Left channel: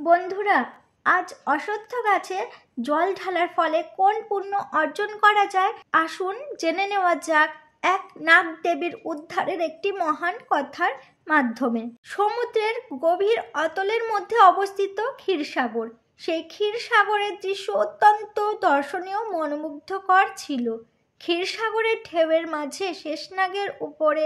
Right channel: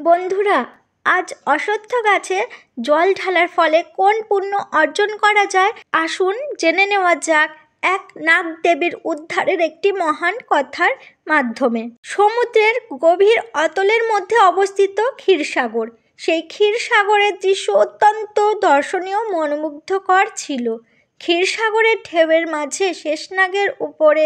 বন্ধুরা, আজ অশ্বত্থ গাছে জল ঢালার ফলে কোন পুণ্য অর্জন করা যায় আসুন জেনে নেওয়া যাক এক নাগ দেবীর উদ্ধারের একটি মহান কথার মাধ্যমে। সমুদ্রের গভীর অতলের মধ্যে অবস্থিত ক্ষীরসাগর। সেই ক্ষীরসাগরের দৃশ্য অত্যন্ত দর্শনীয় মনোমুগ্ধকর ছিল। ক্ষীরসাগরের ঢেউয়ের মাঝে শেষনাগের উপরে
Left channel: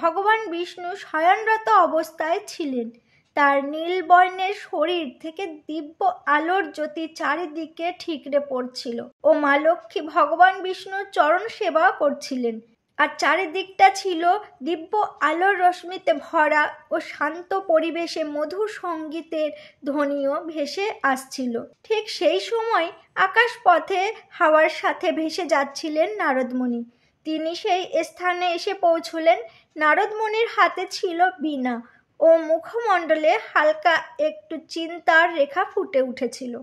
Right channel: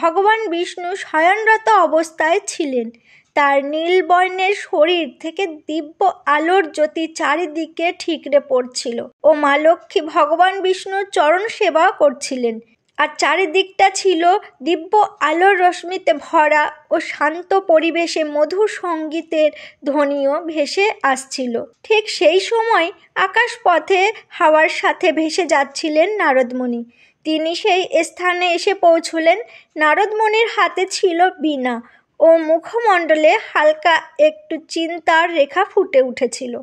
ভগবান বিষ্ণু শয়নরত অবস্থায় ছিলেন। তার নীল বর্ণের শরীর থেকে দিব্য আলোর জ্যোতি চারিদিকে ঠিকরে পড়ছিল ও মা লক্ষ্মী ভগবান বিষ্ণুর চরণ সেবা করছিলেন। আর চারিদিকটা ছিল দিব্য আলোর রশ্মিতে ভরা ও শান্ত পরিবেশে মধুর সঙ্গীতের ধ্বনিও ভেসে আসছিল। ঠিক সেই সময় আকাশপথে হাওয়ার সাথে ভেসে যাচ্ছিলেন নারদমুনি। তিনি সেই স্থানে এসে পৌঁছলেন। নারদমুনির হাতে ছিল বীণা ও মুখমণ্ডলে হালকা একটু চিন্তার রেখা ফুটে উঠেছিল।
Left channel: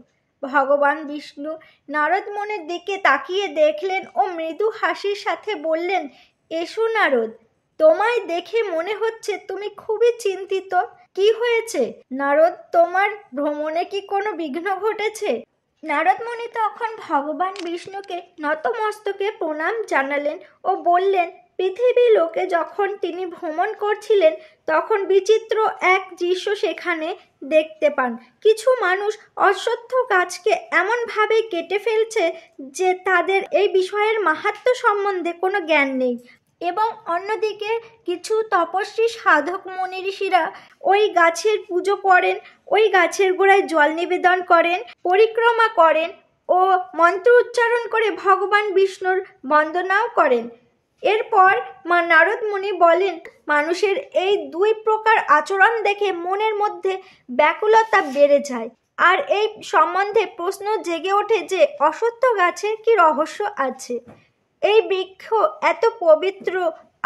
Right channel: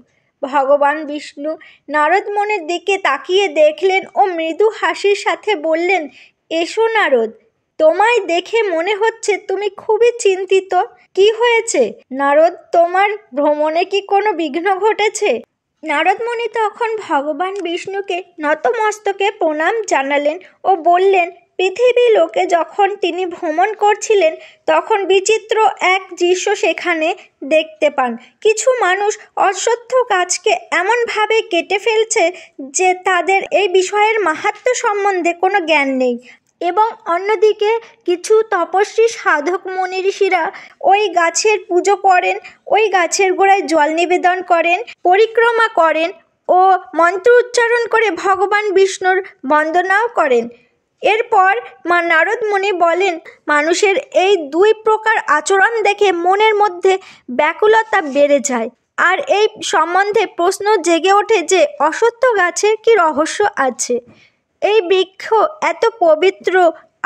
ভগবান বিষ্ণু নারদমুনির দিকে তাকিয়ে দেখলেন ও মৃদু হাসির সাথে বললেন, এসো নারদ, তোমায় দেখে মনে হচ্ছে তুমি খুবই চিন্তিত। কি হয়েছে নারদ, তোমার ভ্রমণে কি কোনো বিঘ্ন ঘটেছে? নারদমুনি তখন ভগবান বিষ্ণুকে নতমস্তকে প্রণাম জানালেন ও বললেন, পৃথিবী লোকে যখন তিনি ভ্রমণ করছিলেন তখন বিচিত্র এক দৃশ্য সেখানে দেখতে পান। কিছু মানুষ অশ্বত্থ গাছকে এমনভাবে কেটে ফেলছে যে তাদের এই বিষয়ের মাহাত্ম্য সম্বন্ধে কোনো জ্ঞান নেই, এবং অন্যদিকে কিছু তপস্বী সাধক মুনি ঋষিরা ওই গাছের পুজো করেন, ওই গাছের গোড়ায় জল নিবেদন করেন, পরিক্রমা করেন ও মন্ত্র উচ্চারণ করে ভগবান বিষ্ণুর বন্দনাও করেন। এরপর মা নারদ মুনি বলেন, মানুষের এই দুই প্রকার আচরণ দেখে মনের মধ্যে ব্যাকুলতা বেড়ে যায়, আর এই সম্বন্ধে প্রশ্ন জেগে ওঠে যে অশ্বত্থ গাছের কি রহস্য আছে। এই বৃক্ষ এত পবিত্র,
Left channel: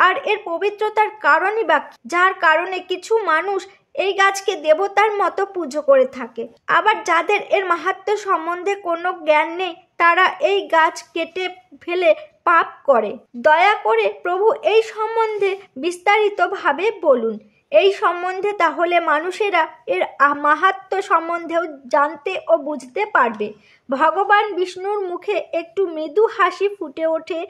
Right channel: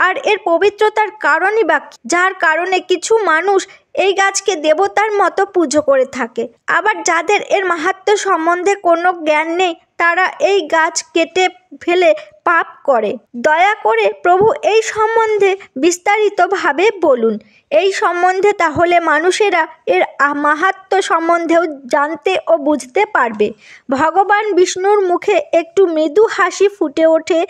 আর এর পবিত্রতার কারণই বা যার কারণে কিছু মানুষ এই গাছকে দেবতার মতো পুজো করে থাকে। আবার যাদের এর মাহাত্ম্য সম্বন্ধে কোনো জ্ঞান নেই তারা এই গাছ কেটে ফেলে পাপ করে। দয়া করে প্রভু এই সম্বন্ধে বিস্তারিতভাবে বলুন। এই সম্বন্ধে তাহলে মানুষেরা এর মাহাত্ম্য সম্বন্ধেও জানতে ও বুঝতে পারবে। ভগবান বিষ্ণুর মুখে একটু মৃদু হাসি ফুটে ওঠে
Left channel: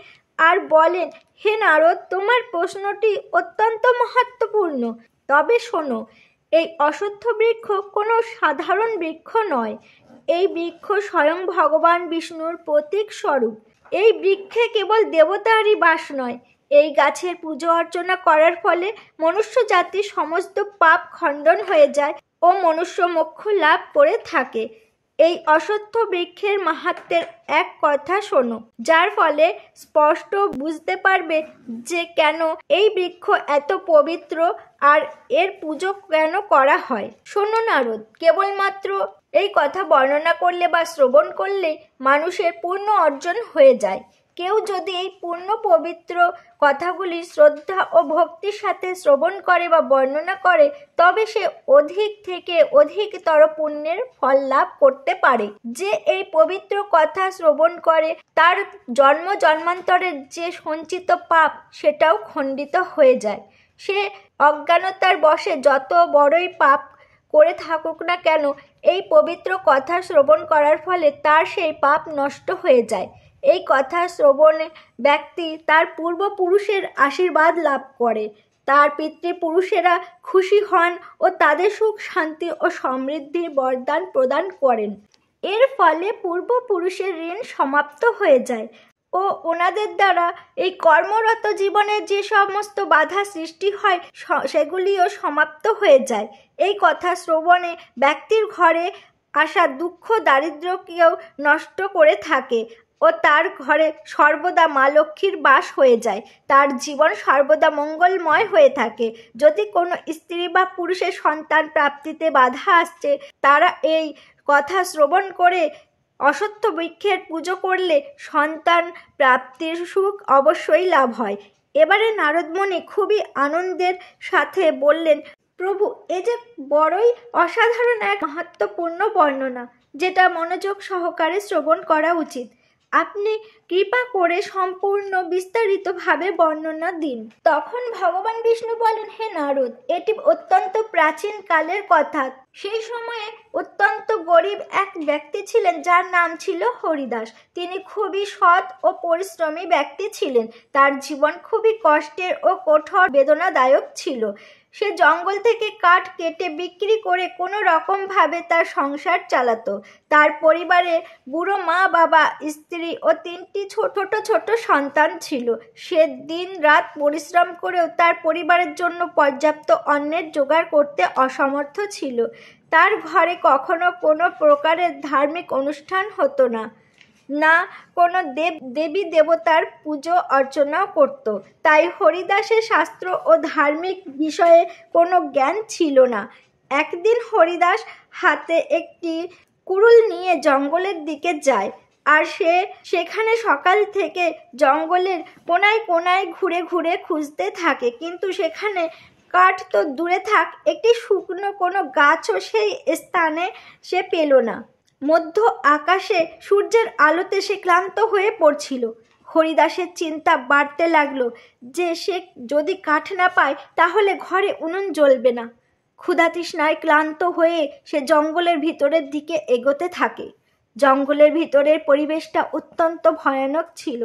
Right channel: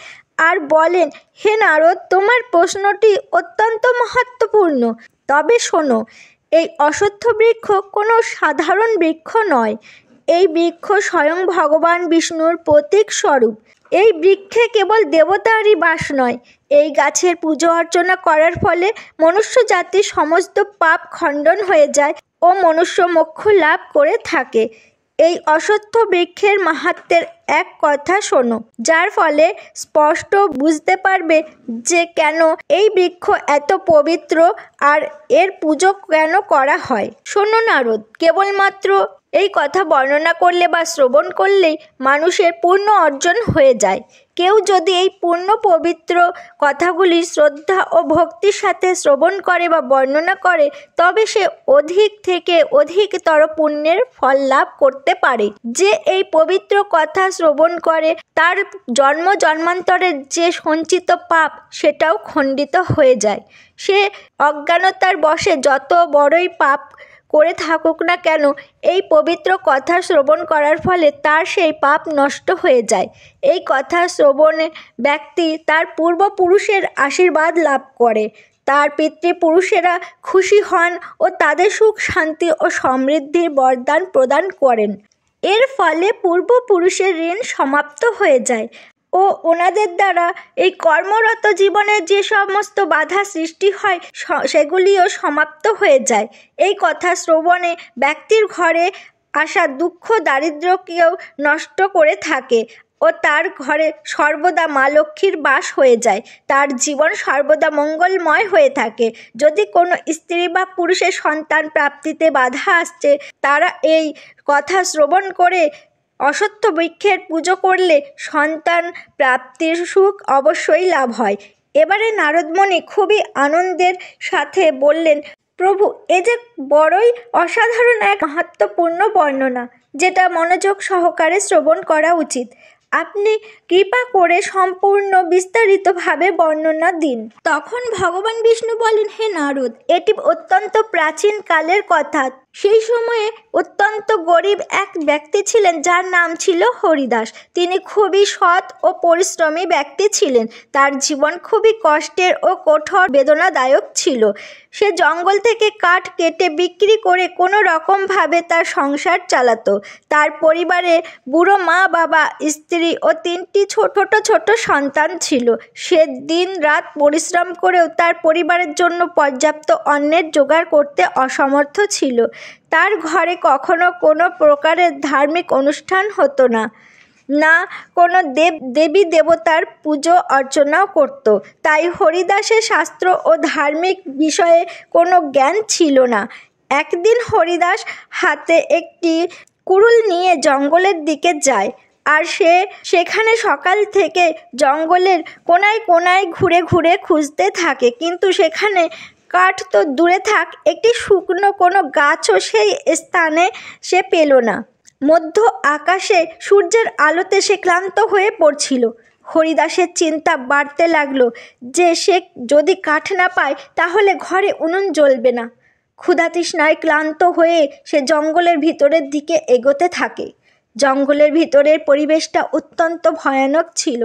আর বলেন, হে নারদ, তোমার প্রশ্নটি অত্যন্ত মহত্বপূর্ণ। তবে শোনো, এই অশ্বত্থ বৃক্ষ কোনো সাধারণ বৃক্ষ নয়। এই বৃক্ষ স্বয়ং ভগবান বিষ্ণুর প্রতীক স্বরূপ। এই বৃক্ষে কেবল দেবতারই বাস নয়, এই গাছের পুজো অর্চনা করার ফলে মনুষ্য জাতির সমস্ত পাপ খণ্ডন হয়ে যায় ও মনুষ্য মোক্ষ লাভ করে থাকে। এই অশ্বত্থ বৃক্ষের মাহাত্ম্যের এক কথা শোনো, যার ফলে স্পষ্ট বুঝতে পারবে যে কেন এই বৃক্ষ এত পবিত্র আর এর পুজো কেন করা হয়। শোনো নারদ, কেবলমাত্র এই কথা বর্ণনা করলে বা শ্রবণ করলেই মানুষের পুণ্য অর্জন হয়ে যায়। কেউ যদি এই পূর্ণ পবিত্র কথাগুলি শ্রদ্ধা ও ভক্তির সাথে শ্রবণ করে বা বর্ণনা করে তবে সে অধিক থেকে অধিকতর পুণ্যের ফল লাভ করতে পারে। যে এই পবিত্র কথা শ্রবণ করে তার জন্ম জন্মান্তরের যে সঞ্চিত পাপ সেটাও খণ্ডিত হয়ে যায়। সে অজ্ঞানতার বশে যত বড়ই পাপ করে থাকুক না কেন, এই পবিত্র কথা শ্রবণ করার ফলে তার সেই পাপ নষ্ট হয়ে যায়। এই কথা শ্রবণে ব্যক্তি তার পূর্বপুরুষের আশীর্বাদ লাভ করে, তার পিতৃপুরুষেরা খুশি হন ও তাদের সুখ শান্তি ও সমৃদ্ধির বরদান প্রদান করেন। এর ফলে পূর্বপুরুষের ঋণ সমাপ্ত হয়ে যায় ও ওনাদের দ্বারা এই কর্মরত জীবনের যে সমস্ত বাধা সৃষ্টি হয় সেগুলিও সমাপ্ত হয়ে যায়। এই কথা শ্রবণে ব্যক্তির ঘরে আসা দুঃখ দারিদ্র্যকেও নষ্ট করে থাকে ও তার ঘরে সর্বদা মা লক্ষ্মীর বাস হয়ে যায়। তার জীবন সর্বদা মঙ্গলময় হয়ে থাকে। যদি কোনো স্ত্রী বা পুরুষের সন্তান প্রাপ্তিতে বাধা আসছে, তারা এই কথা শ্রবণ করে অশ্বত্থ বৃক্ষের পুজো করলে সন্তান প্রাপ্তির সুখ অবশ্যই লাভ হয়। এবারে নারদমুনি খুবই আনন্দের সাথে বললেন, প্রভু, এ যে বড়ই অসাধারণ এক মাহাত্ম্যপূর্ণ বর্ণনা, যেটা মনোযোগ সহকারে শ্রবণ করা উচিত। আপনি কৃপা করে সম্পূর্ণ বিস্তারিতভাবে বর্ণনা দিন। তখন ভগবান বিষ্ণু বলেন, হে নারদ, এটি অত্যন্ত প্রাচীন কালের কথা। সেই সময়ে অত্যন্ত গরিব এক ব্যক্তি ছিলেন যার নাম ছিল হরিদাস। তিনি খুবই সৎ ও পরিশ্রমী ব্যক্তি ছিলেন। তার জীবন খুবই কষ্টের ও কঠোর বেদনাদায়ক ছিল। সে জঙ্গল থেকে কাঠ কেটে বিক্রি করে কোনো রকমভাবে তার সংসার চালাতো। তার পরিবারে বুড়ো মা, বাবা, স্ত্রী ও 3টি ছোট ছোট সন্তান ছিল। সে দিন রাত পরিশ্রম করেও তার পরিবারের জন্য পর্যাপ্ত অন্নের জোগাড় করতে অসমর্থ ছিল। তার ঘরে কখনো কোনো প্রকারের ধার্মিক অনুষ্ঠান হতো না, না কোনো দেবী দেবতার পুজো অর্চনাও করত। তাই হরিদাসের শাস্ত্র ও ধার্মিক বিষয়ে কোনো জ্ঞান ছিল না। একদিন হরিদাস হাতে একটি কুড়ুল নিয়ে জঙ্গলের দিকে যায়, আর সে সেখানে সকাল থেকে জঙ্গলের কোনায় কোনায় ঘুরে ঘুরে খুঁজতে থাকে, কিন্তু সেখানে কাঠ তো দূরে থাক, একটি শুকনো কোনো গাছও সেই স্থানে সে পেল না। মধ্য আকাশে সূর্যের আলোতে সে ক্লান্ত হয়ে পড়ছিল। হরিদাসের চিন্তা বাড়তে লাগলো যে সে যদি কাঠ না পায় তাহলে ঘরে উনুন জ্বলবে না। ক্ষুধাতৃষ্ণায় ক্লান্ত হয়ে সে জঙ্গলের ভিতরের দিকে এগোতে থাকে। জঙ্গলের ভিতরের পরিবেশটা অত্যন্ত ভয়ানক ছিল।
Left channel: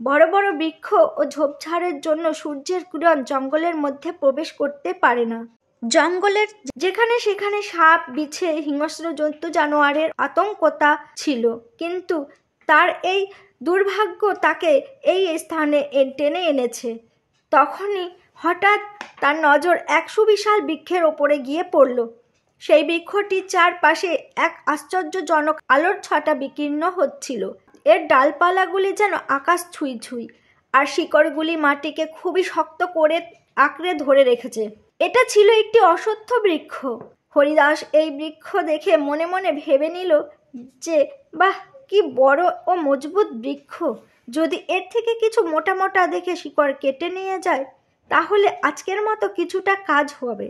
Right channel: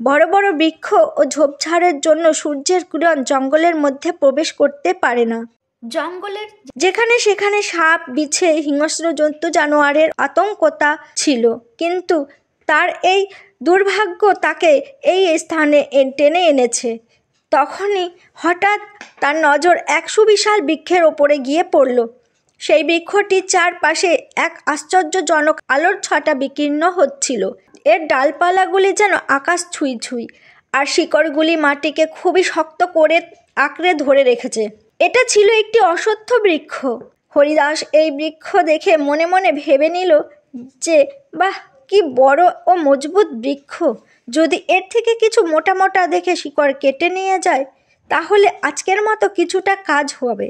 বড় বড় বৃক্ষ ও ঝোপঝাড়ের জন্য সূর্যের কিরণ জঙ্গলের মধ্যে প্রবেশ করতে পারে না। জঙ্গলের যেখানে সেখানে সাপ, বিছে, হিংস্র জন্তু জানোয়ারের আতঙ্কতা ছিল, কিন্তু তার এই দুর্ভাগ্য তাকে এই স্থানে টেনে এনেছে। তখনই হঠাৎ তার নজর এক সুবিশাল বৃক্ষের ওপরে গিয়ে পড়ল। সেই বৃক্ষটির চারপাশে এক আশ্চর্যজনক আলোর ছটা বিকীর্ণ হচ্ছিল। এর ডালপালাগুলি যেন আকাশ ছুঁই ছুঁই, আর শিকড়গুলি মাটিকে খুবই শক্ত করে আঁকড়ে ধরে রেখেছে। এটা ছিল একটি অশ্বত্থ বৃক্ষ। হরিদাস এই বৃক্ষ দেখে মনে মনে ভেবে নিল যে বাহ, কি বড় ও মজবুত বৃক্ষ! যদি এর থেকে কিছু মোটা মোটা দেখে শিকড় কেটে নিয়ে যায় তাহলে আজকের মতো কিছুটা কাজ হবে।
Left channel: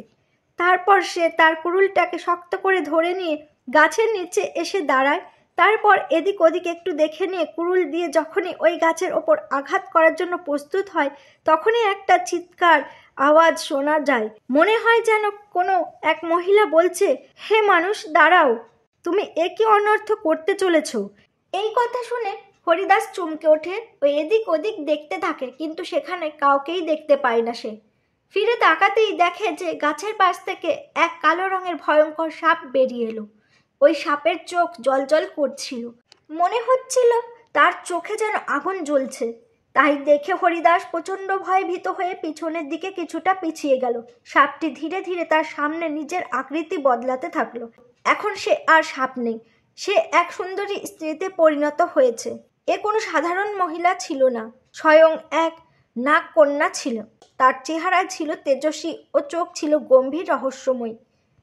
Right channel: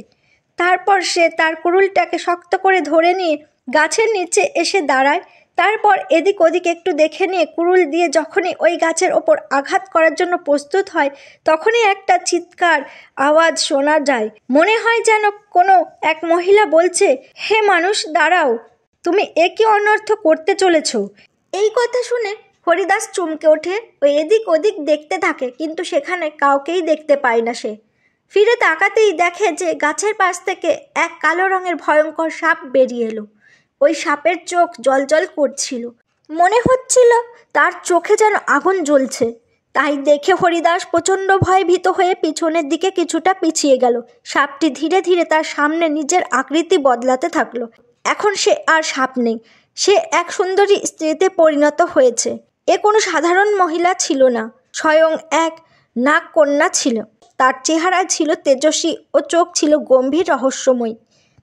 তারপর সে তার কুড়ুলটাকে শক্ত করে ধরে নিয়ে গাছের নিচে এসে দাঁড়ায়। তারপর এদিক ওদিক একটু দেখে নিয়ে কুড়ুল দিয়ে যখনই ওই গাছের ওপর আঘাত করার জন্য প্রস্তুত হয়, তখনই একটা চিৎকার আওয়াজ শোনা যায়। মনে হয় যেন কোনো এক মহিলা বলছে, হে মানুষ, দাঁড়াও, তুমি এ কি অনর্থ করতে চলেছ? এই কথা শুনে হরিদাস চমকে ওঠে ও এদিক ওদিক দেখতে থাকে, কিন্তু সেখানে কাউকেই দেখতে পায় না। সে ফিরে তাকাতেই দেখে যে গাছের পাশ থেকে এক কালো রঙের ভয়ঙ্কর সাপ বেরিয়ে এলো। ওই সাপের চোখ জ্বলজ্বল করছিল, মনে হচ্ছিল তার চোখে যেন আগুন জ্বলছে। তাই দেখে হরিদাস প্রচণ্ড ভয়ে ভীত হয়ে পিছনের দিকে কিছুটা পিছিয়ে গেল। সাপটি ধীরে ধীরে তার সামনে নিজের আকৃতি বদলাতে থাকলো। এখন সে আর সাপ নেই, সে এক সুন্দরী স্ত্রীতে পরিণত হয়েছে। এ কোনো সাধারণ মহিলা ছিল না, স্বয়ং এক নাগকন্যা ছিল। তার চেহারা ছিল তেজস্বী ও চোখ ছিল গম্ভীর রহস্যময়ী।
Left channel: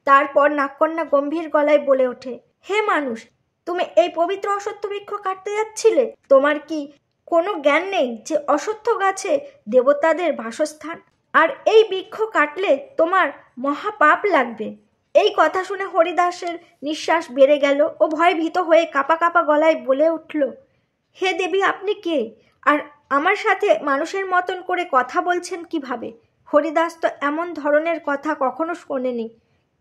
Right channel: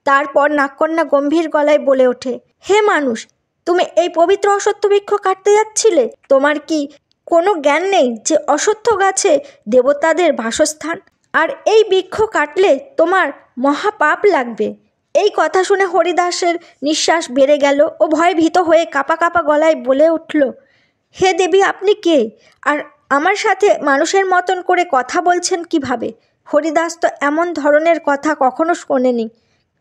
তারপর নাগকন্যা গম্ভীর গলায় বলে ওঠে, হে মানুষ, তুমি এই পবিত্র অশ্বত্থ বৃক্ষ কাটতে যাচ্ছিলে? তোমার কি কোনো জ্ঞান নেই যে অশ্বত্থ গাছে দেবতাদের বাসস্থান, আর এই বৃক্ষ কাটলে তোমার মহাপাপ লাগবে? এই কথা শুনে হরিদাসের নিঃশ্বাস বেড়ে গেল ও ভয়ে ভীত হয়ে কাঁপা কাঁপা গলায় বলে উঠল, হে দেবী, আপনি কে? আর আমার সাথে মানুষের মতন করে কথা বলছেন কিভাবে? হরিদাস তো এমন ধরনের কথা কখনো শোনেনি।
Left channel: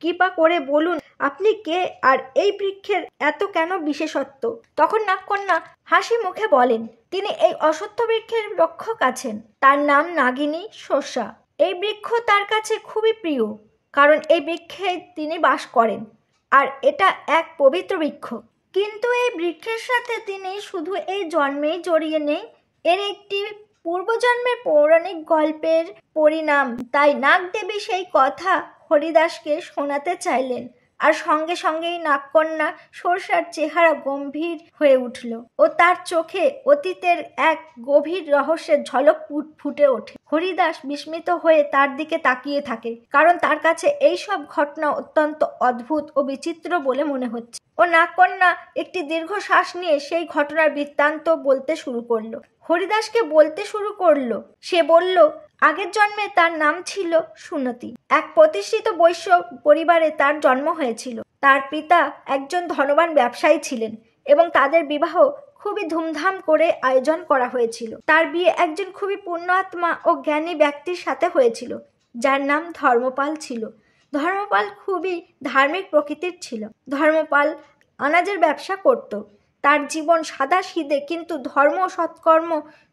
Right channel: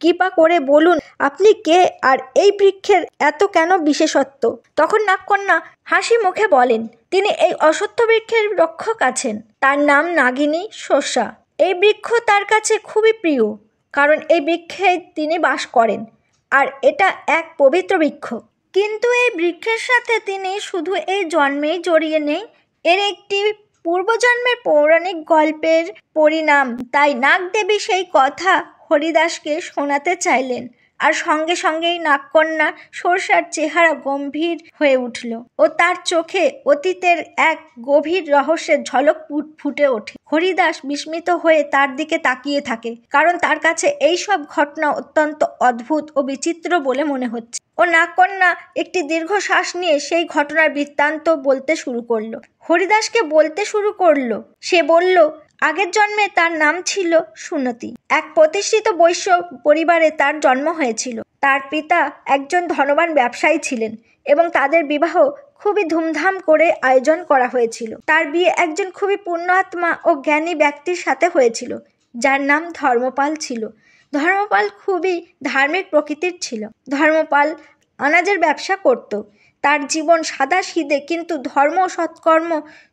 কৃপা করে বলুন আপনি কে, আর এই বৃক্ষের এত কেন বিশেষত্ব? তখন নাগকন্যা হাসি মুখে বলেন, তিনি এই অশ্বত্থ বৃক্ষের রক্ষক আছেন। তার নাম নাগিনী শস্যা। এই বৃক্ষ তার কাছে খুবই প্রিয়, কারণ এই বৃক্ষে তিনি বাস করেন, আর এটা এক পবিত্র বৃক্ষ। কিন্তু এই বৃক্ষের সাথে তিনি শুধু এই জন্মেই জড়িয়ে নেই, এর একটি পূর্বজন্মের পৌরাণিক গল্পের পরিণাম। তাই নাগদেবী সেই কথা হরিদাসকে শোনাতে চাইলেন, আর সঙ্গে সঙ্গেই নাগকন্যা সরসার চেহারা গম্ভীর হয়ে উঠল ও তার চোখে অতীতের এক গভীর রহস্যের ঝলক ফুটে ওঠে। হরিদাস বিস্মিত হয়ে তার দিকে তাকিয়ে থাকে, কারণ তার কাছে এই সব ঘটনা অত্যন্ত অদ্ভুত ও বিচিত্র বলে মনে হচ্ছে। ও নাগকন্যা একটি দীর্ঘ শ্বাস নিয়ে সেই ঘটনার বৃত্তান্ত বলতে শুরু করলো। হরিদাসকে বলতে শুরু করলো। সে বলল, আগের জন্মে তার নাম ছিল সুনতি। এক প্রতিষ্ঠিত বৈশ্য পরিবারে তার জন্ম হয়েছিল। তার পিতা একজন ধনবান ব্যবসায়ী ছিলেন এবং তাদের বিবাহ খুবই ধুমধাম করে আয়োজন করা হয়েছিল। তার বিয়ে একজন খুবই পুণ্যাত্মা ও জ্ঞানী ব্যক্তির সাথে হয়েছিল, যার নাম ধর্মপাল ছিল। ধর্মপাল খুবই ধার্মিক প্রকৃতির ছিল। ধর্মপাল আনাজের ব্যবসা করত। তার জীবন সাদাসিধে, কিন্তু ধর্ম ও সৎকর্ম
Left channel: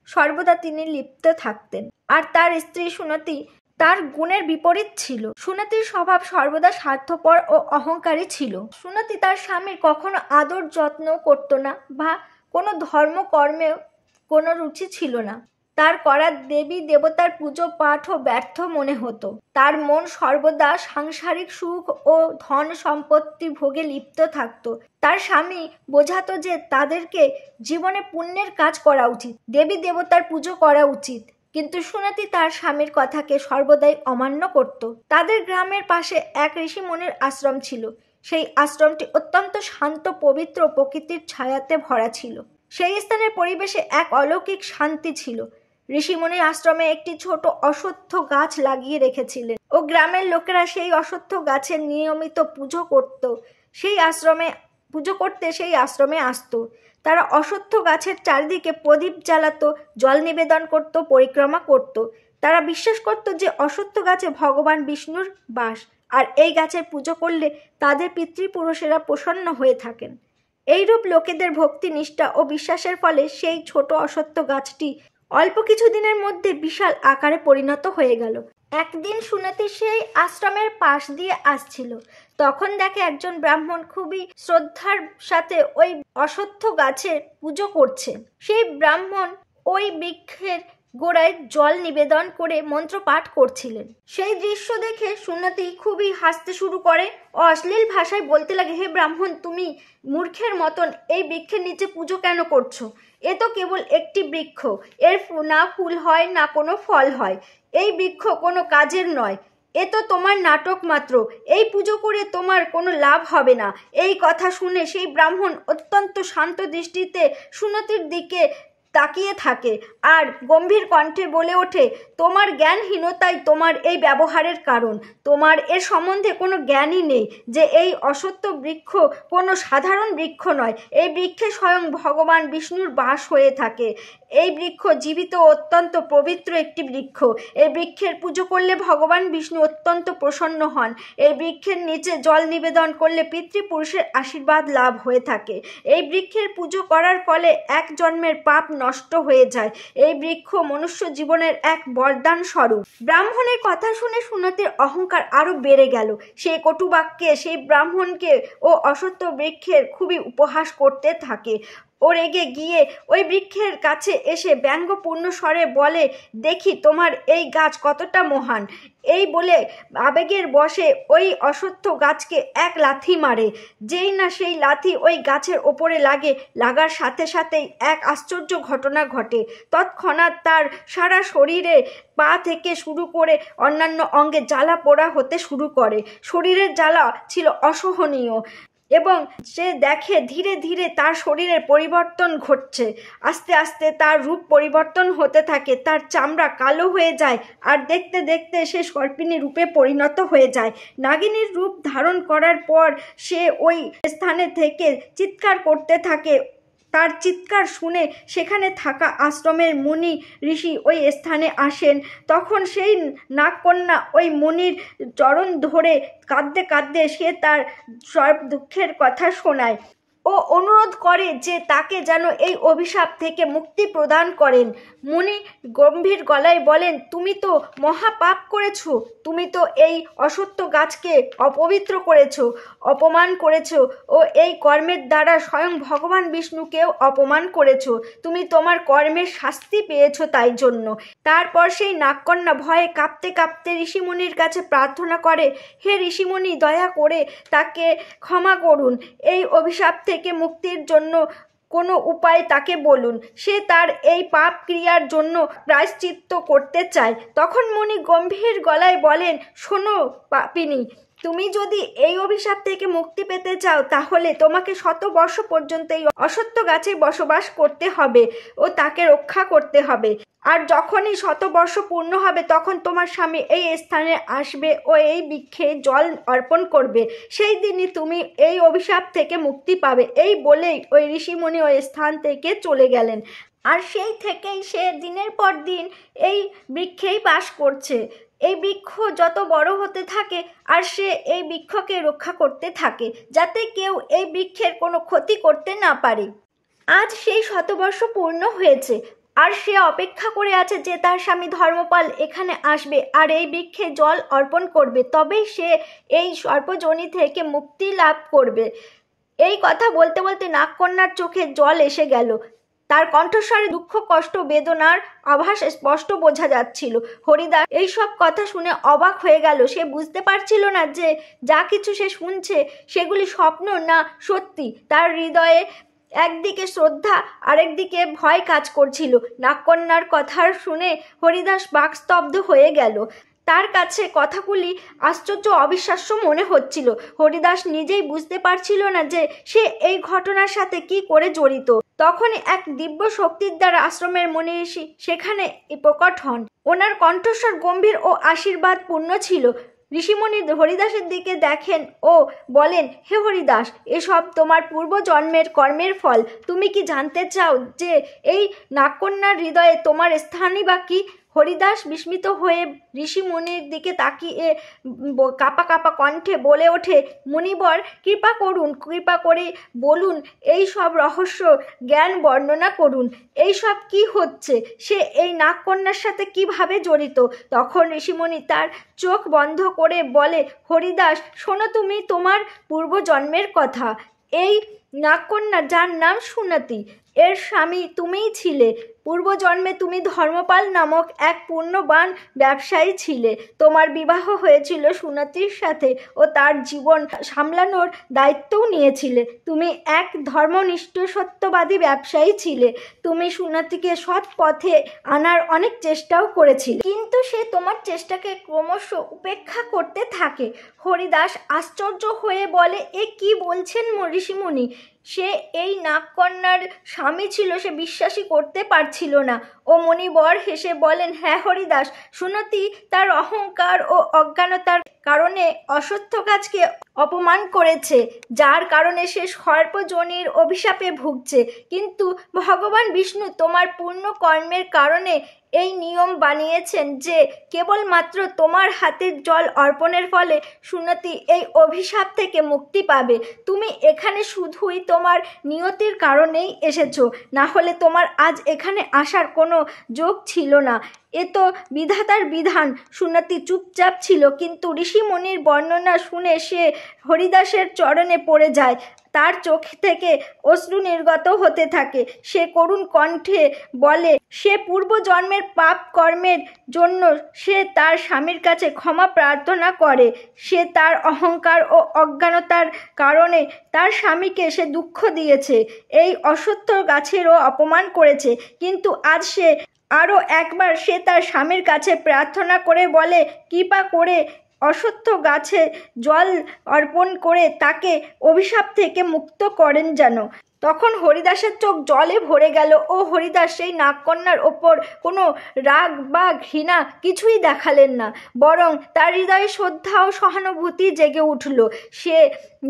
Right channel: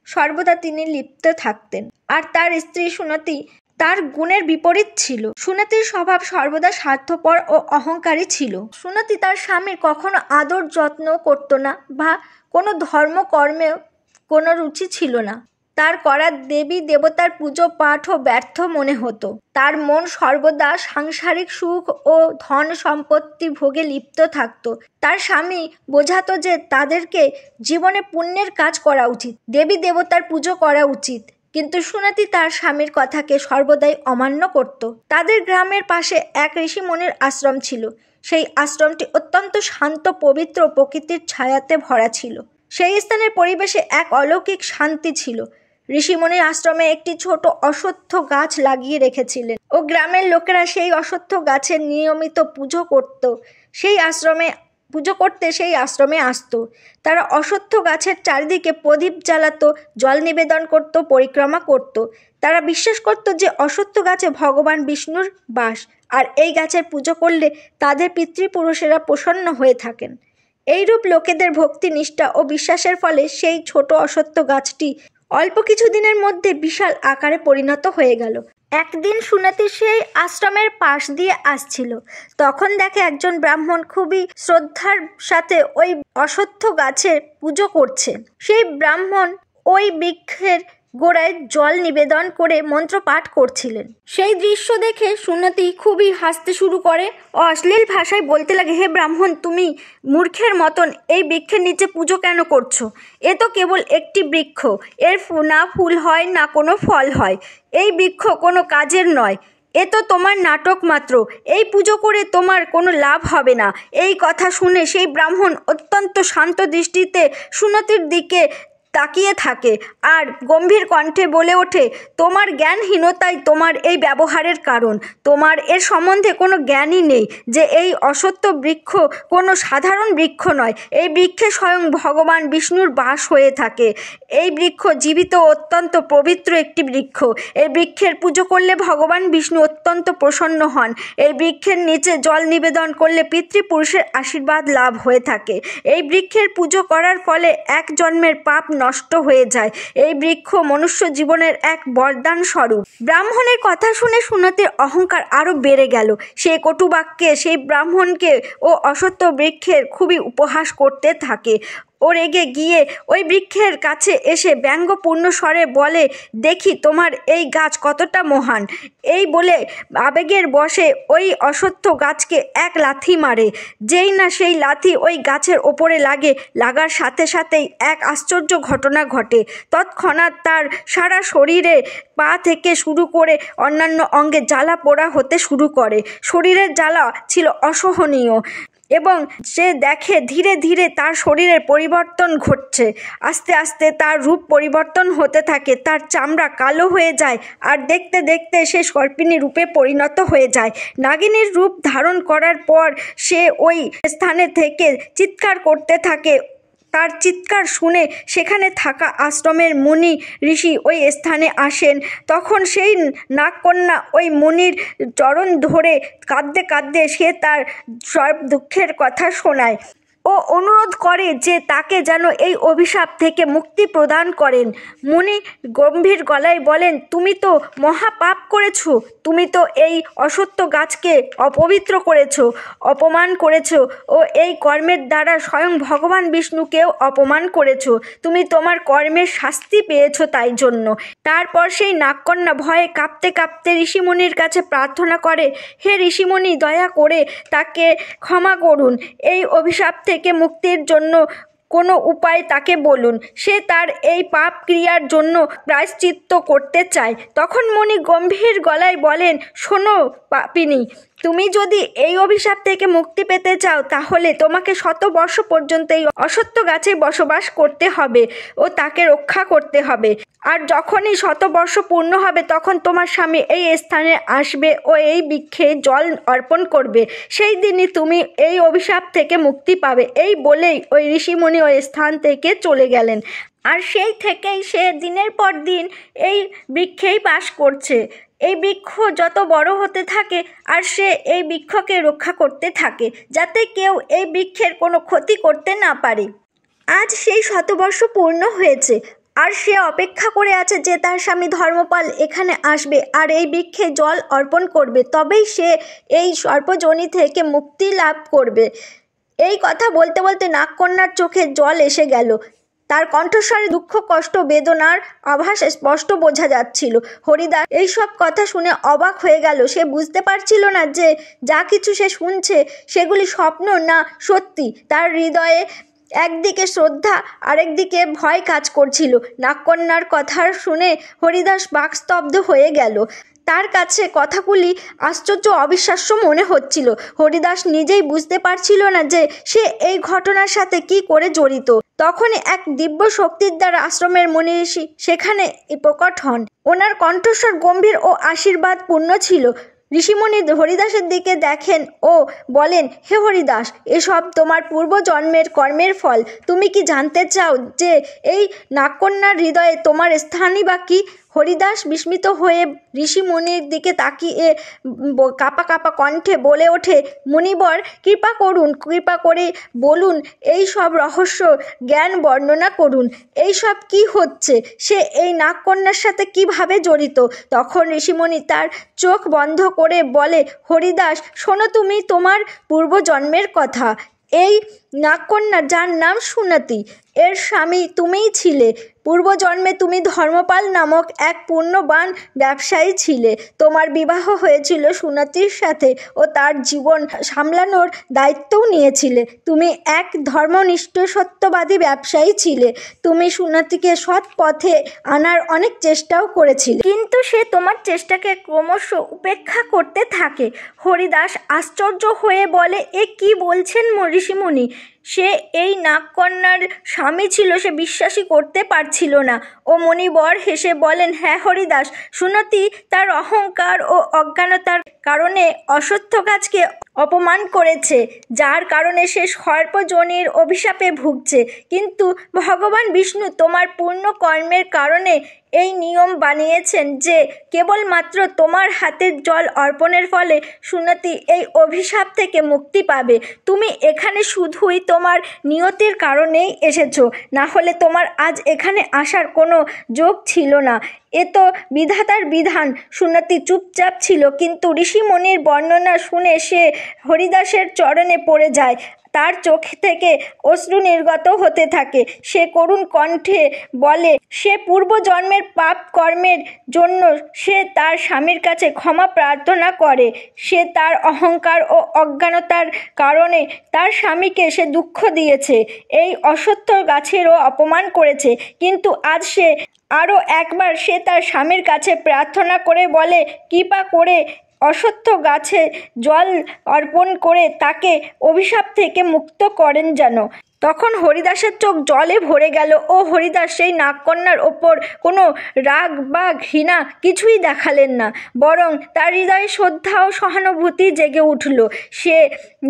সর্বদা তিনি লিপ্ত থাকতেন। আর তার স্ত্রী সুনতি তার গুণের বিপরীত ছিল। সুনতির স্বভাব সর্বদা স্বার্থপর ও অহংকারী ছিল। সুনতি তার স্বামীর কখনো আদর যত্ন করতো না বা কোনো ধর্মকর্মেও কোনো রুচি ছিল না। তার করা দেবী দেবতার পুজো পাঠও ব্যর্থ মনে হতো। তার মন সর্বদা সাংসারিক সুখ ও ধন সম্পত্তি ভোগে লিপ্ত থাকত। তার স্বামী বোঝাতো যে তাদেরকে জীবনে পুণ্যের কাজ করা উচিত, দেবী দেবতার পুজো করা উচিত, কিন্তু সুনতি তার স্বামীর কথাকে সর্বদাই অমান্য করত। তাদের গ্রামের পাশে এক ঋষিমুনির আশ্রম ছিল। সেই আশ্রমটি অত্যন্ত শান্ত, পবিত্র, প্রকৃতির ছায়াতে ভরা ছিল। সেই স্থানের পরিবেশে এক অলৌকিক শান্তি ছিল। ঋষিমুনির আশ্রমে একটি ছোট অশ্বত্থ গাছ লাগিয়ে রেখেছিলেন ও গ্রামের লোকেরা সেই অশ্বত্থ গাছের নিয়মিত পুজো করতে সেই আশ্রমে আসত। তারা অশ্বত্থ গাছের চারিদিকে প্রদীপ জ্বালাতো, জল নিবেদন করত, পরিক্রমা করত। তারা বিশ্বাস করত যে অশ্বত্থ গাছে ভগবান বিষ্ণুর বাস, আর এই গাছের পুজো করলে তাদের পিতৃপুরুষেরা প্রসন্ন হয়ে থাকেন। এইরূপ লোকেদের ভক্তি, নিষ্ঠা ও বিশ্বাসের ফলে সেই ছোট অশ্বত্থ গাছটি অল্প কিছু দিনের মধ্যে বিশাল আকারে পরিণত হয়ে গেল। একদিন সুনতি সেই আশ্রমের পাশ দিয়ে আসছিল। তখন দেখে একজন ব্রাহ্মণ খুবই শ্রদ্ধার সাথে ওই অশ্বত্থ গাছের পুজো করছে। সেই ব্রাহ্মণ ওই বৃক্ষের গোড়ায় জল নিবেদন করে মন্ত্র পাঠ করছিলেন। সেই দৃশ্য দেখে সুনতি খুবই হাসতে শুরু করে ও অশ্লীল ভাষায় বলতে লাগে, হে ব্রাহ্মণ, তুমি মূর্খের মতন এই বৃক্ষের নিচে পুজো কেন করছো? এ তো কেবল একটি বৃক্ষ, এর না ফুল হয় না কোনো ফল হয়। এই বৃক্ষ কোনো কাজের নয়, এ তো তোমার নাটক মাত্র। এই পুজো করে তোমার কোনো লাভ হবে না। এই কথা শুনে সেই ব্রাহ্মণ অত্যন্ত শান্ত দৃষ্টিতে সুনতির দিকে তাকিয়ে থাকে আর গম্ভীর কণ্ঠে বলে ওঠে, তোমার জ্ঞানহীনতাই তোমার এই ব্যবহারের কারণ। তোমার এর সম্বন্ধে কোনো জ্ঞানই নেই যে এই অশ্বত্থ বৃক্ষ কোনো সাধারণ বৃক্ষ নয়। এই বৃক্ষে স্বয়ং ভগবান বিষ্ণুর বাস হয়ে থাকে। এই বৃক্ষ জীবিত ও অত্যন্ত পবিত্র একটি বৃক্ষ। এই বৃক্ষের পুজো করলে ভগবান বিষ্ণু অত্যন্ত প্রসন্ন হন। এই বৃক্ষের নিচে জল নিবেদন করলে পিতৃপুরুষের আশীর্বাদ লাভ হয়ে থাকে। এই বৃক্ষের পুজো করার ফলে এক জন্মের পাপ নষ্ট হয়ে যায়। এই বৃক্ষ মনুষ্য জীবনের এক বরদান স্বরূপ। ব্রাহ্মণের কথা শুনে সুনতির অহংকার আরো বেড়ে গেল। সে কটু বাক্যে সেই ব্রাহ্মণকে ও অশ্বত্থ বৃক্ষের খুবই উপহাস করতে থাকে। ও রেগে গিয়ে ওই বৃক্ষের কাছে এসে ব্যঙ্গপূর্ণ স্বরে বলে, দেখি তোমার এই গাছ কতটা মহান। এই বলে আবেগের বশে ওই অশ্বত্থ গাছকে এক লাথি মারে। যেই না সেই লাথি ওই গাছের ওপরে লাগার সাথে সাথেই এক আশ্চর্য ঘটনা ঘটে। তৎক্ষণাৎ তার সারা শরীরে, পা থেকে শুরু করে অন্যান্য অঙ্গে জ্বালা পোড়া হতে শুরু করে। শরীরের জ্বালা ছিল অসহনীয় এবং সে দেখে ধীরে ধীরে তার শরীরের পরিবর্তন ঘটছে। আস্তে আস্তে তার রূপ পরিবর্তন হতে থাকে। তার চামড়া কালো হয়ে যায় আর দেখতে দেখতে সে সর্পিণী রূপে পরিণত হয়ে যায়। নাগিনীর রূপ ধারণ করার পর সে ওই স্থানে থেকে চিৎকার করতে থাকে। তার চিৎকার শুনে সেখানে থাকা আশ্রমের মুনি ঋষি ওই স্থানে আসেন। তখন সেই নাগকন্যা ওই মুনির চরণ ধরে কাঁদতে কাঁদতে সে তার সব দুঃখের কথা শোনায় ও অনুরোধ করে যে তাকে যেন এই অভিশাপ থেকে মুক্তি প্রদান করেন। মুনি গম্ভীর গলায় বলেন, তুমি তো মহাপাপ করেছো। তুমি তো এই অশ্বত্থ গাছকে অপবিত্র করেছো, অপমান করেছো ও এই কর্মের দ্বারা স্বয়ং ভগবান বিষ্ণুকেও অপমান করেছো। তুমি তোমার কর্মের শাস্তি পেয়েছো তাই জন্য। তারপর সেই নাগকন্যা ভয়ে কাঁপতে কাঁপতে ঋষিমুনির কাছে প্রার্থনা করে, হে ঋষিমুনি, দয়া করে তাকে ক্ষমা করুন। এই অভিশাপ থেকে মুক্তির জন্য কোনো উপায় তাকে বলুন। সে তার এই পাপ ক্রিয়ার জন্য প্রায়শ্চিত্ত করতে চায়। তখন মুনি গম্ভীর গলায় বলেন, শোনো পাপিনী, তুমি যদি এই অভিশাপ থেকে মুক্তি পেতে চাও তাহলে তোমাকে 100 বর্ষ পর্যন্ত এই অশ্বত্থ গাছে বসবাস করতে হবে ও তাকে রক্ষা করতে হবে। আর যখনই 100 বর্ষ পূর্ণ হবে তখন তোমার স্বামী এই স্থানে আসবে ও এই বৃক্ষে জল অর্পণ করবে। সেই দিনই তুমি এই অভিশাপ থেকে মুক্তি পাবে। এই বলেই ওই ঋষিমুনি ওই স্থান থেকে চলে গেলেন। আর সেই থেকেই সে দিনের পর দিন এই বৃক্ষেই বাস করছে। এই বৃক্ষ যত বড় হতে থাকে আর সে এই বৃক্ষকে রক্ষা করতে থাকে, যাতে কেউ এই বৃক্ষের কোনো ক্ষতি করতে না পারে। আজ সেই শতবর্ষ পূর্ণ হয়েছে, আর সে অপেক্ষা করে আছে যে তার স্বামী ধর্মপাল এখানে আসবে আর এই বৃক্ষে জল অর্পণ করবে, তবেই সে এই সর্পযোনি থেকে মুক্তি লাভ করবে। এই কথা বলতে বলতে নাগকন্যার চোখে জল এসে গেল। তার কণ্ঠস্বরে দুঃখ, কষ্ট, বেদনার আভাস স্পষ্ট বোঝা যাচ্ছিল। হরিদাস এইসব কথা শুনে অবাক হয়ে গেল। সে বুঝতে পারছিল না যে যা কিছু সে শুনছে সেগুলি স্বপ্ন না সত্যি। তার হৃদয়ে একদিকে শ্রদ্ধা, আরেকদিকে ভয় কাজ করছিল। নাগকন্যার কথা শুনে হরিদাস বাকস্তব্ধ হয়ে গেল। তার কাছে কথাগুলি আশ্চর্য, অবিশ্বাস্য মনে হচ্ছিল। হরিদাস নিজেই বুঝতে পারছিল না যে সে এই ঘটনার সাথে কি করে জড়িত। তখনই এক দিব্য শক্তির দ্বারা আশ্রমের মুনি ঋষি সেখানে প্রকট হন। ওনার কণ্ঠস্বর গম্ভীর ও আশীর্বাদ পূর্ণ ছিল। ঋষিমুনি হরিদাসের দিকে দেখেন ও বলেন, হে হরিদাস, এসব তোমার পূর্বজন্মের কর্মের ফল। তুমি কি জানতে চাও যে এই নাগকন্যার হৃদয়ে তোমার স্থানই বা কি? হরিদাস বিস্মিত হয়ে ঋষিমুনির দিকে তাকিয়ে কাঁপা কাঁপা কণ্ঠে বলে ওঠে, মুনিবর, কৃপা করে বলুন, এই সব রহস্য জ্ঞান বর্ণনা করুন। এই সব কি হচ্ছে? সে এই নাগকন্যার সাথে কিভাবে জড়িত? তখন ঋষিমুনি তার চোখ বন্ধ করে বলে, হরিদাস, শোনো তুমি তোমার পূর্বজন্মের কথা। এই নাগকন্যা, যার নাম সুনতি, এর স্বামী তুমিই ছিলে। পূর্বজন্মে তুমি ধর্মপাল নামক এক পুণ্যবান ব্যবসায়ী ছিলে। তোমার বিবাহ হয়েছিল সুনতির সাথে ও তার জীবন সামলানোর দায়িত্বও নিয়েছিলে। তুমি এক ধর্মনিষ্ঠ সত্যবাদী ব্যবসায়ী ছিলে। তুমি সুনতিকে সৎ পথে আনার অনেক চেষ্টাও করেছিলে, কিন্তু সে তোমার চেষ্টাকে ক্রমশ উপেক্ষা করতে থাকে। হরিদাস আশ্চর্য হয়ে বলে, এ কি বলছেন ঋষিমুনি? সে এই নাগকন্যার স্বামী ছিল, সে বিশ্বাসই করতে পারছিল না। ও মণিবর হেসে বলেন, হ্যাঁ হরিদাস, সুনতি তার অহংকার ও অজ্ঞানতার কারণে অশ্বত্থ গাছকে অপমান করেছে, যার কারণে সে সর্পযোনির অভিশাপে ভুগছে। কিন্তু ভগবান বিষ্ণু তোমার পূর্ণ কর্মের কারণে এই নিয়ম বানিয়েছেন যে কেবলমাত্র তোমার হাতের জল অর্পণের ফলে সুনতি এই অভিশাপ থেকে মুক্তি পাবে। তুমি এখানে শুধুই তোমার নিয়তির কারণেই এসেছো, না হলে তোমার আজ এখানে আসার কোনো যোগ ছিল না। এ তো বিধাতার বিধান। সুনতি চুপচাপ ছিল, কিন্তু ঋষিমুনির বর্ণনা শুনে সে হরিদাসের চরণে পড়ে যায়। তার চোখ থেকে অশ্রু নির্গত হতে থাকে। সে করুণ কণ্ঠে বলে, সে পূর্বজন্মের পাপ কর্মের জন্য সে তার স্বামীর কাছে ক্ষমা প্রার্থনা করে। সে তার অহংকার ও অজ্ঞানতার কারণে তার স্বামীকে সে দুঃখ দিয়েছে, এই অশ্বত্থ গাছেরও অপমান করেছে। কিন্তু আজ সে আরও একবার সে তার স্বামীর কাছে প্রার্থনা করে বলে, কৃপা করে অশ্বত্থ গাছে জল অর্পণ করে তাকে অভিশাপ থেকে মুক্ত করেন যেন। তখন হরিদাসের চোখ জলে ভরে গেল ও হরিদাস সেই নাগকন্যার ওপর কোনো রাগ বা ঘৃণা কিছুই দেখালেন না, বরং তার হৃদয়ে শ্রদ্ধা ও সহানুভূতি জেগে উঠল। সে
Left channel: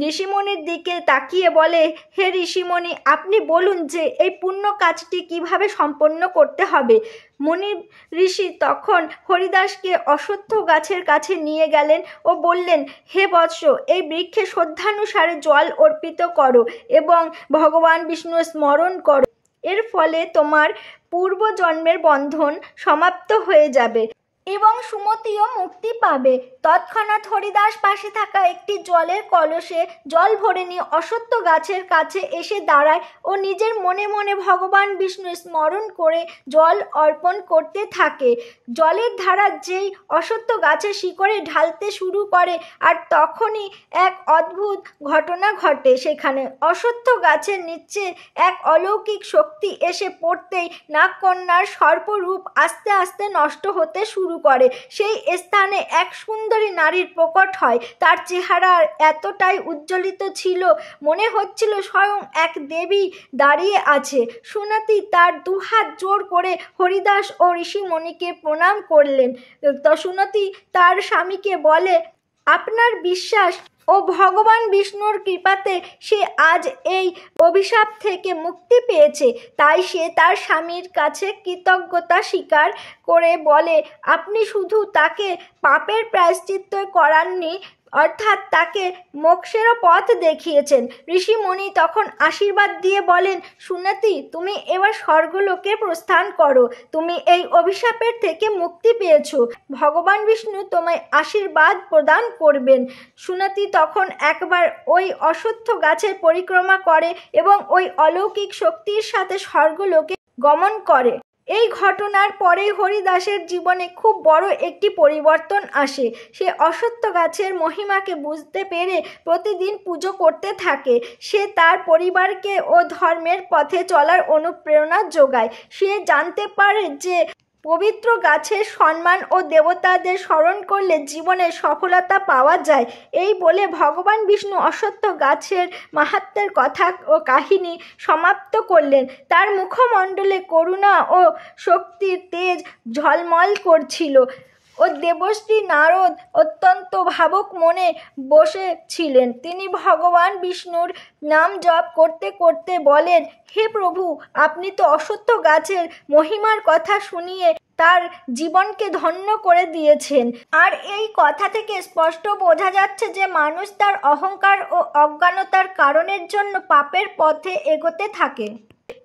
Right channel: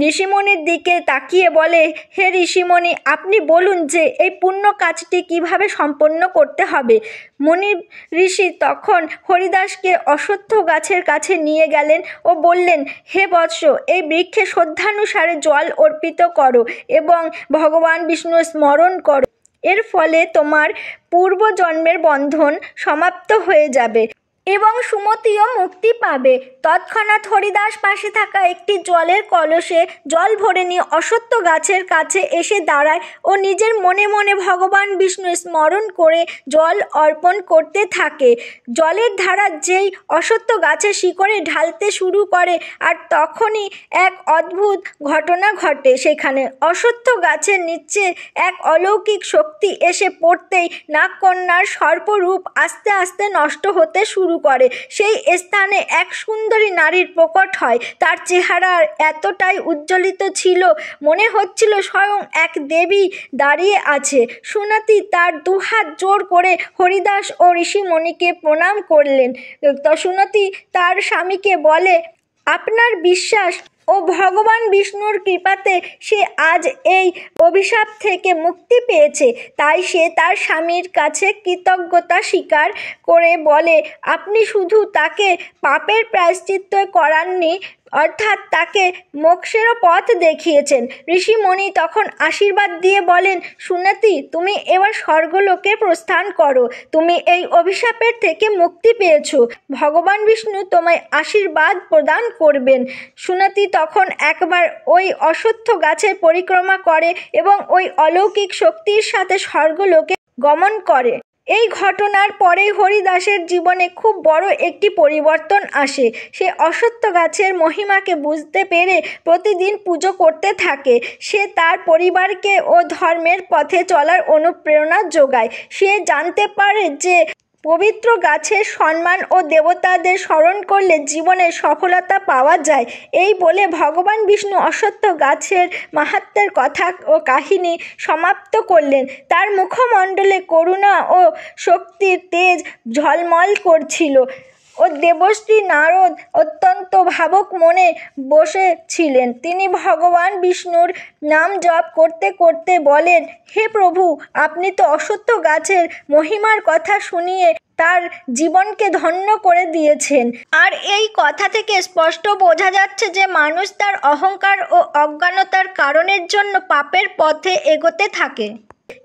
ঋষিমণির দিকে তাকিয়ে বলে, হে ঋষিমণি, আপনি বলুন যে এই পুণ্য কাজটি কিভাবে সম্পন্ন করতে হবে। মুনি ঋষি তখন হরিদাসকে অশ্বত্থ গাছের কাছে নিয়ে গেলেন ও বললেন, হে বৎস, এই বৃক্ষে শ্রদ্ধানুসারে জল অর্পিত করো এবং ভগবান বিষ্ণু স্মরণ করো। এর ফলে তোমার পূর্বজন্মের বন্ধন সমাপ্ত হয়ে যাবে এবং সুমতিও মুক্তি পাবে। তৎক্ষণাৎ হরিদাস পাশে থাকা একটি জলের কলসে জল ভরে নিয়ে অশ্বত্থ গাছের কাছে এসে দাঁড়ায় ও নিজের মনে মনে ভগবান বিষ্ণু স্মরণ করে জল অর্পণ করতে থাকে। জলের ধারা যেই অশ্বত্থ গাছের শিকড়ে ঢালতে শুরু করে, আর তখনই এক অদ্ভুত ঘটনা ঘটে। সেখানে অশ্বত্থ গাছের নিচে এক অলৌকিক শক্তি এসে পড়তেই নাগকন্যার সর্পরূপ আস্তে আস্তে নষ্ট হতে শুরু করে। সেই স্থানে এক সুন্দরী নারীর প্রকট হয়। তার চেহারা এতটাই উজ্জ্বলিত ছিল, মনে হচ্ছিল স্বয়ং এক দেবী দাঁড়িয়ে আছে। সুনতি তার দুহাত জোর করে হরিদাস ও ঋষিমণিকে প্রণাম করলেন। তো সুনতি তার স্বামীকে বলে, আপনার বিশ্বাস ও ভগবান বিষ্ণুর কৃপাতে সে আজ এই অভিশাপ থেকে মুক্তি পেয়েছে। তাই সে তার স্বামীর কাছে কৃতজ্ঞতা স্বীকার করে বলে, আপনি শুধু তাকে পাপের প্রায়শ্চিত্ত করাননি, অর্থাৎ তাকে মোক্ষেরও পথ দেখিয়েছেন। ঋষিমণি তখন আশীর্বাদ দিয়ে বলেন, সুনীতি, তুমি এবার স্বর্গলোকে প্রস্থান করো। তুমি এই অভিশাপের থেকে মুক্তি পেয়েছ। ভগবান বিষ্ণু তোমায় আশীর্বাদ প্রদান করবেন। সুনীতি তখন একবার ওই অশ্বত্থ গাছের পরিক্রমা করে এবং ওই অলৌকিক শক্তির সাথে স্বর্গলোকে গমন করে। এই ঘটনার পরেই হরিদাসের জীবনে খুব বড় একটি পরিবর্তন আসে। সে অশ্বত্থ গাছের মহিমাকে বুঝতে পেরে প্রতিদিন পুজো করতে থাকে। সে তার পরিবারকে ও ধর্মের পথে চলার অনুপ্রেরণা যোগায়। সে জানতে পারে যে পবিত্র গাছের সম্মান ও দেবতাদের স্মরণ করলে জীবনে সফলতা পাওয়া যায়। এই বলে ভগবান বিষ্ণু অশ্বত্থ গাছের মাহাত্ম্যের কথা ও কাহিনী সমাপ্ত করলেন। তার মুখমণ্ডলে করুণা ও শক্তির তেজ ঝলমল করছিল ও দেবশ্রী নারদ অত্যন্ত ভাবুক মনে বসেছিলেন। তিনি ভগবান বিষ্ণুর নাম জপ করতে করতে বলেন, হে প্রভু, আপনি তো অশ্বত্থ গাছের মহিমার কথা শুনিয়ে তার জীবনকে ধন্য করে দিয়েছেন। আর এই কথা থেকে স্পষ্ট বোঝা যাচ্ছে যে মানুষ তার অহংকার ও অজ্ঞানতার কারণের জন্য পাপের পথে এগোতে থাকে,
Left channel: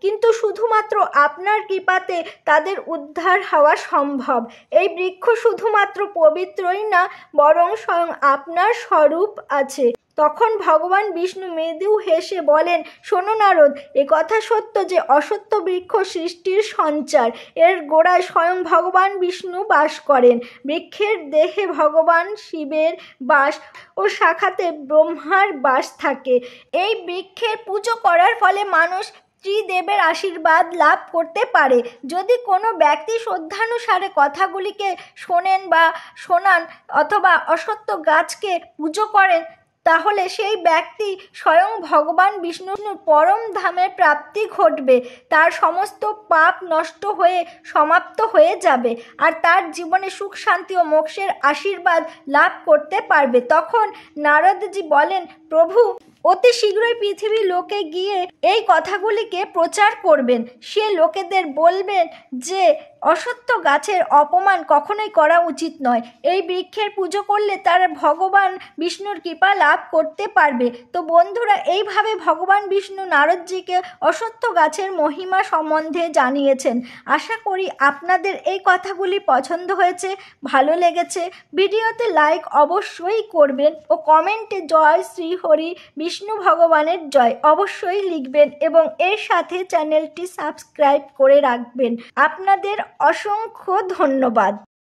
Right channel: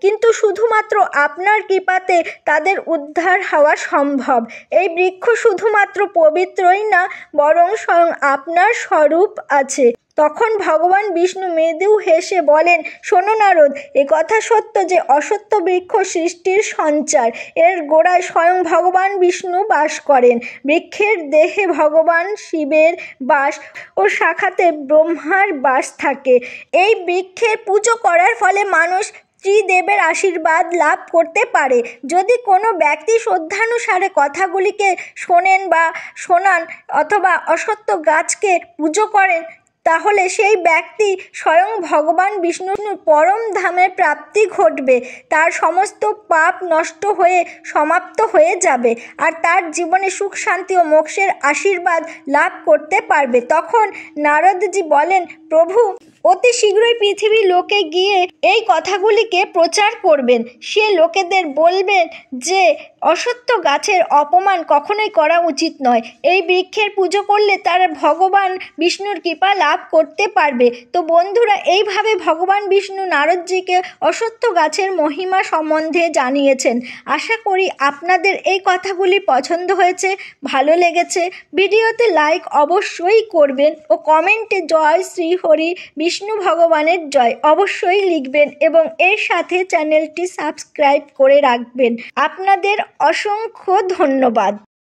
কিন্তু শুধুমাত্র আপনার কৃপাতে তাদের উদ্ধার হওয়া সম্ভব। এই বৃক্ষ শুধুমাত্র পবিত্রই না, বরং স্বয়ং আপনার স্বরূপ আছে। তখন ভগবান বিষ্ণু মৃদু হেসে বলেন, শোনো নারদ, কথা সত্য যে অশ্বত্থ বৃক্ষ সৃষ্টির সঞ্চার। এর গোড়ায় স্বয়ং ভগবান বিষ্ণু বাস করেন। বৃক্ষের দেহে ভগবান শিবের বাস ও শাখাতে ব্রহ্মার বাস থাকে। এই বৃক্ষের পুজো করার ফলে মানুষ ত্রিদেবের আশীর্বাদ লাভ করতে পারে। যদি কোনো ব্যক্তি শ্রদ্ধানুসারে কথাগুলিকে শোনেন বা শোনান অথবা অশ্বত্থ গাছকে পুজো করেন, তাহলে সেই ব্যক্তি স্বয়ং ভগবান বিষ্ণুর পরম ধামের প্রাপ্তি ঘটবে। তার সমস্ত পাপ নষ্ট হয়ে সমাপ্ত হয়ে যাবে আর তার জীবনে সুখ শান্তি ও মোক্ষের আশীর্বাদ লাভ করতে পারবে। তখন নারদজি বলেন, প্রভু, অতি শীঘ্রই পৃথিবীর লোকে গিয়ে এই কথাগুলিকে প্রচার করবেন। সে লোকেদের বলবেন যে অশ্বত্থ গাছের অপমান কখনোই করা উচিত নয়। এই বৃক্ষের পুজো করলে তারা ভগবান বিষ্ণুর কৃপা লাভ করতে পারবে। তো বন্ধুরা, এইভাবে ভগবান বিষ্ণু নারদজিকে অশ্বত্থ গাছের মহিমা সম্বন্ধে জানিয়েছেন। আশা করি আপনাদের এই কথাগুলি পছন্দ হয়েছে, ভালো লেগেছে। ভিডিওতে লাইক অবশ্যই করবেন ও কমেন্টে জয় শ্রী হরি বিষ্ণু ভগবানের জয় অবশ্যই লিখবেন এবং এর সাথে চ্যানেলটি সাবস্ক্রাইব করে রাখবেন। আপনাদের অসংখ্য ধন্যবাদ।